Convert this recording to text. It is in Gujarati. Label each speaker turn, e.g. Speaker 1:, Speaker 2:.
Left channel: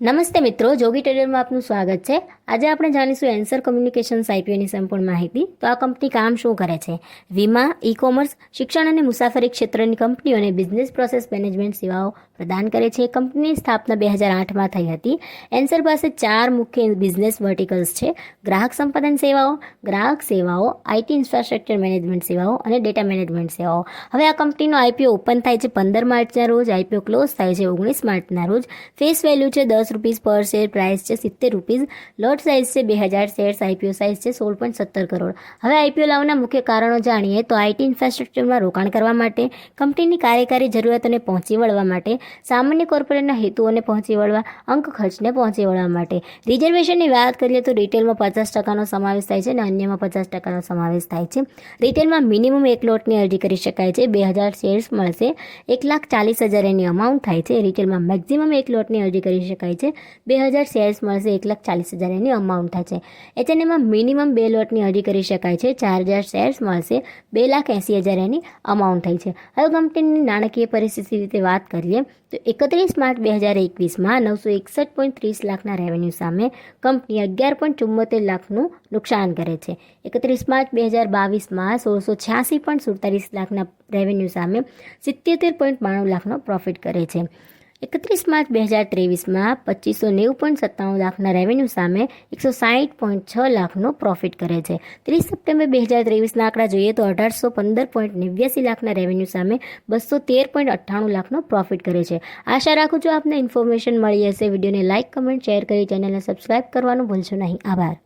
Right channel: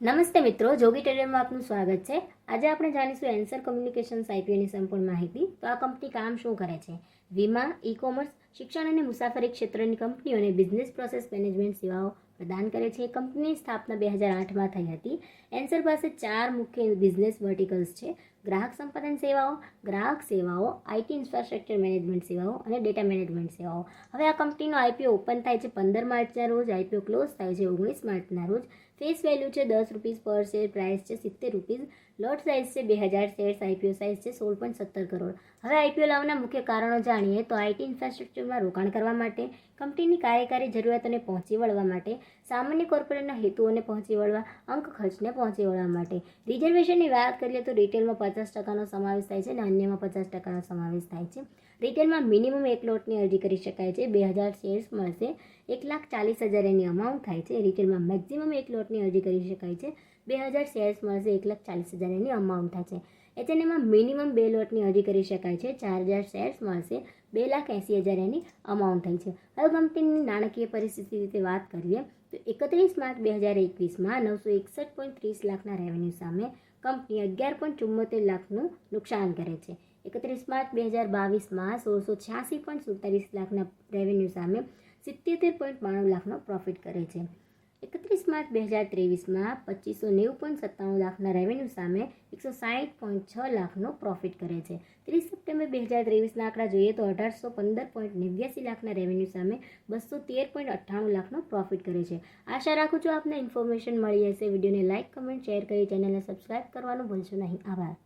Speaker 1: નમસ્તે મિત્રો, જોગી ટેલરમાં આપનું સ્વાગત છે. આજે આપણે જાણીશું એન્સર કોમ્યુનિકેશન્સ આઈપીઓની સંપૂર્ણ માહિતી. તો આ કંપની કામ શું કરે છે? વીમા ઈ કોમર્સ શિક્ષણ અને મુસાફરી ક્ષેત્રની કંપનીઓને બિઝનેસ પ્રોસેસ મેનેજમેન્ટ સેવાઓ પ્રદાન કરે છે. કંપનીની સ્થાપના બે હજાર આઠમાં થઈ હતી. એન્સર પાસે ચાર મુખ્ય બિઝનેસ વર્ટિકલ્સ છે. ગ્રાહક સંપાદન સેવાઓ, ગ્રાહક સેવાઓ આઈટી ઇન્ફ્રાસ્ટ્રક્ચર મેનેજમેન્ટ સેવાઓ અને ડેટા મેનેજમેન્ટ સેવાઓ. હવે આ કંપનીનો આઈપીઓ ઓપન થાય છે પંદર માર્ચના રોજ આઈપીઓ ક્લોઝ થાય છે ઓગણીસ માર્ચના રોજ. ફેસ વેલ્યુ છે દસ રૂપીઝ પર શેર, પ્રાઇસ છે સિત્તેર રૂપીઝ. લોટ સાઇઝ છે બે હજાર શેર્સ આઈપીઓ સાઇઝ છે સોળ પોઈન્ટ સત્તર કરોડ. હવે આઈપીઓ લાવવાના મુખ્ય કારણો જાણીએ તો આઈટી ઇન્ફ્રાસ્ટ્રક્ચરમાં રોકાણ કરવા માટે, કંપનીની કાર્યકારી જરૂરિયાતોને પહોંચી વળવા માટે સામાન્ય કોર્પોરેટના હેતુઓને પહોંચી વળવા, અંક ખર્ચને પહોંચી વળવા માટે. રિઝર્વેશનની વાત કરીએ તો રિટેલમાં પચાસ ટકાનો સમાવેશ થાય છે અને અન્યમાં પચાસ ટકાનો સમાવેશ થાય છે. રિટેલમાં મિનિમમ એક લોટની અરજી કરી શકાય છે. બે હજાર શેર્સ મળશે. એક લાખ ચાલીસ હજાર એની અમાઉન્ટ થાય છે. રિટેલમાં મેક્ઝિમમ એક લોટની અરજી કરી શકાય છે. બે હજાર શેર્સ મળશે. એક લાખ ચાલીસ હજાર એની અમાઉન્ટ થાય છે. એચએનએમાં મિનિમમ બે લોટની અરજી કરી શકાય છે. ચાર હજાર શેર્સ મળશે. બે લાખ એંસી હજાર એની અમાઉન્ટ થઈ છે. હવે કંપનીની નાણાકીય પરિસ્થિતિ રીતે વાત કરીએ. તો એકત્રીસ માર્ચ બે હજાર એકવીસમાં નવસો એકસઠ પોઈન્ટ ત્રીસ લાખના રેવન્યુ સામે કંપની અગિયાર પોઈન્ટ ચુમ્મોતેર લાખનું નુકસાન કરે છે. એકત્રીસ માર્ચ બે હજાર બાવીસમાં સોળસો છ્યાસી પોઈન્ટ સુડતાલીસ લાખના રેવન્યુ સામે સિત્યોતેર પોઈન્ટ બાણું લાખનો પ્રોફિટ કરે છે. એકત્રીસ માર્ચ બે હજાર ત્રેવીસમાં પચીસો નેવું પોઈન્ટ સત્તાણું લાખના રેવન્યુ સામે એકસો સાહીઠ પોઈન્ટ છ લાખનો પ્રોફિટ કરે છે. ત્રીસ સપ્ટેમ્બર બે હજાર ત્રેવીસના આંકડા જોઈએ તો અઢારસો પંદર પોઈન્ટ નેવ્યાસી લાખના રેવન્યુ સામે બસો તેર પોઈન્ટ અઠ્ઠાણું લાખનો પ્રોફિટ કરે છે. આશા રાખું છું આપને ઇન્ફોર્મેશન મળી હશે. વિડીયોને લાઇક કમેન્ટ શેર કરી ચેનલને સબસ્ક્રાઇબ કરવાનું ભૂલશો નહીં. આભાર.